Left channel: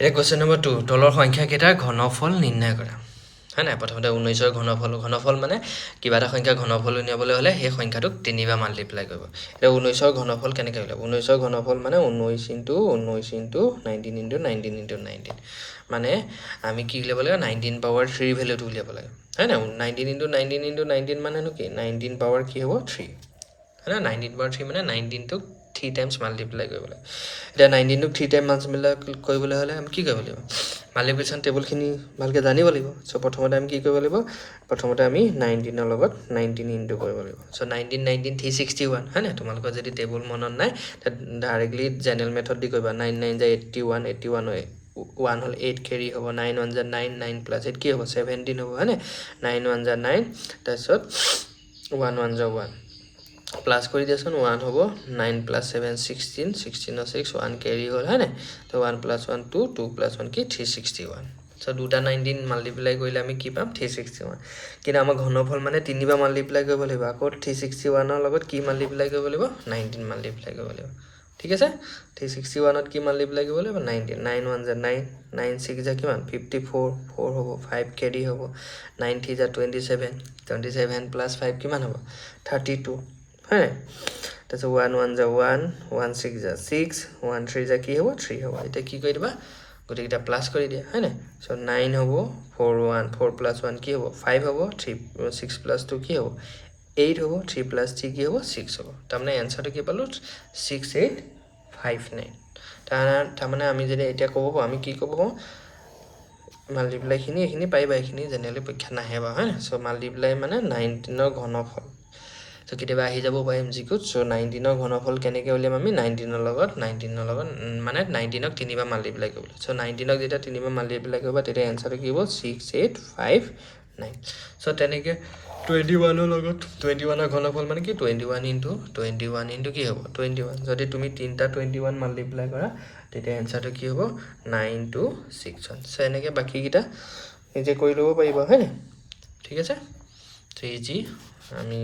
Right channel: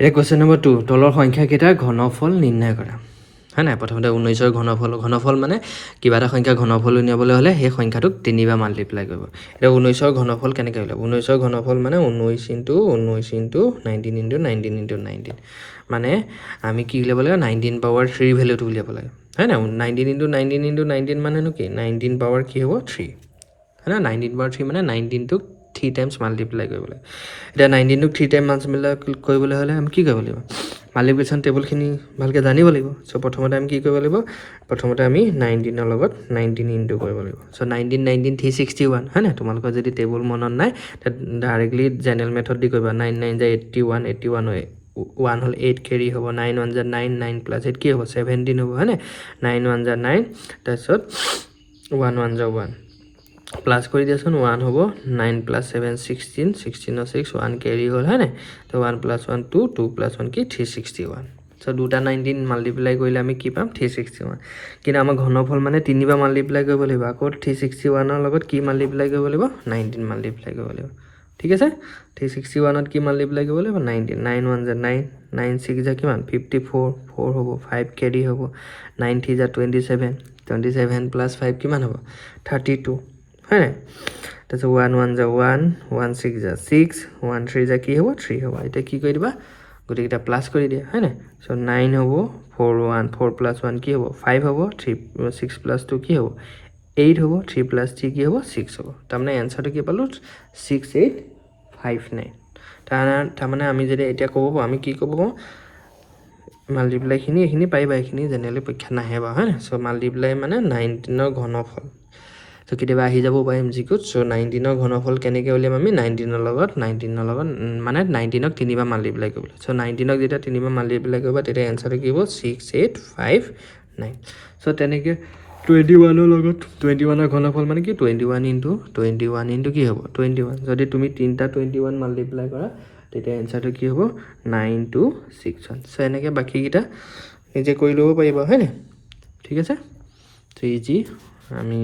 এটা question number 2 তলৰ সংখ্যাকেইটাৰ ঘনফল নিৰ্ণয় কৰা হয় না প্ৰথমতে 19ৰ ঘনফল মানে কিবা এটা সংখ্যা ঘনফল উলিয়াবলৈ হ'লে সেই সংখ্যাটোক 3 বাৰ মাল্টিপ্লাই কৰিব এটা 19ৰ ঘনফল কেনেকৈ উলিয়াব 19ৰ ঘনফল মানে 19 * 19 * 19 মানে আমি কি উলিয়াব লাগে 19 পাৱাৰ 3 ভ্যালুটো উলিয়াব লাগে হয় না 19 * 19 * 19 মানে কি 19 পাৱাৰ কি হ'ব 3 হয় না 19 পাৱাৰ 3 মানে 19 টোক 3 টাইমছ মাল্টিপ্লাই কৰিব লাগে এটা 19 টোক 3 টাইম মাল্টিপ্লাই কৰিবলৈ হ'লে আমি কি কৰিব লাগিব মাল্টিপ্লিকেশ্যন টেবুলখিনি ভালকৈ জানিব লাগিব সো প্ৰথমতে আমি কি কৰিব লাগিব প্ৰথমতে আমি 19 ৰ লগত 19 ইনটু কৰিব লাগিব সো 19 19 361 হয় না তোমালোকৰ যদি টেবুল মনত নাই ডাইৰেক্টলি জেনাৰেল মেথড দি কৰিবা 9 9 81 81 হয় 1 হল 8 কেৰি হ'ব 9 1 9 9 প্লাস 8 কি হ'ব 17 হ'ব হয় না 9 1 9 তাৰপিছত 1 1 1 প্লাস কৰি দিয়াচোন 1 হ'ব 9 প্লাস 7 16 16 6 1 কেৰি হ'ল হয় না তো 1 প্লাস 1 2 2 প্লাস 1 কি 361 সো দুটা 19 মাল্টিপ্লাই কৰিলে আমি কি পাম 361 কিন্তু আমাৰ ঘনফল মানে 3 বাৰ মাল্টিপ্লাই কৰিব লাগিব আকৌ 361 ৰ লগত কি মাল্টিপ্লাই কৰিব লাগিব 19 মাল্টিপ্লাই কৰিব লাগিব ঠিক আছে 361 ত কি মাল্টিপ্লাই কৰিব লাগিব 19 9 1 9 9 6 যা কিমান 54 4 হ'ব 5 কেৰি হ'ব 9 3 যা 27 27 প্লাস 5 কিমান হ'ব 32 হয় না তাহলে 1 1 যা 1 1 6 যা 6 1 3 যা কি হ'ব 3 হ'ব এটা কি কৰি দিবা গটিকেটা প্লাস কৰি দিয়া হয় না সো 9 হ'ব 4 1 4 প্লাস 1 কি হ'ব 5 হ'ব 3 6 প্লাস 2 কি হ'ব 8 হ'ব 3 প্লাস 3 কি হ'ব 6 হ'ব তাৰমানে आंसरটো কি পালো 6859 তাৰমানে আমি যদি এটা ক'ব আমি কি ক'ব মাল্টিপ্লাই খিনি এখিনি পাইবা এখিনি জেনেৰেলি পৰীক্ষা নাহে বা হয় সো মাল্টিপ্লাই মানে 19 ৰ ঘনফল সো কেতিয়াবা আহি যাব পাৰিম জিকুত সো 19 ৰ ঘনফল কেনেকৈ উলিয়াম আমি 19 ৰ লগত মানে 19 ক 3 বাৰ মাল্টিপ্লাই কৰিব সো 19 ক যেতিয়া 3 বাৰ মাল্টিপ্লাই কৰিবা তেতিয়া आंसरটো কি হ'ব 6859 সো তেনেকৈ 21 ৰ লগত 21 ৰ ঘনফল মানে কি 21 ইনটু কি হ'ব 21 যদি তুমি তিনটা 21 মাল্টিপ্লাই কৰা তেতিয়া आंसरটো কি হ'ব 926 সো এনেকৈ বাকি কিটা নিজে কৰি ল'ব পাৰিবা হয় না ঠিক আছে তো ইজি আমি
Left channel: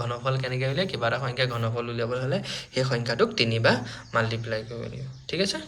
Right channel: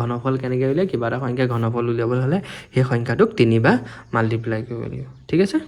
ঘনফল কেনেকৈ উলিয়াই কিবা এটা সংখ্যা ঘনফল উলিয়াবলৈ হ'লে সেই সংখ্যাটোক 3 বাৰ মাল্টিপ্লাই কৰিব লাগিব ঠিক আছে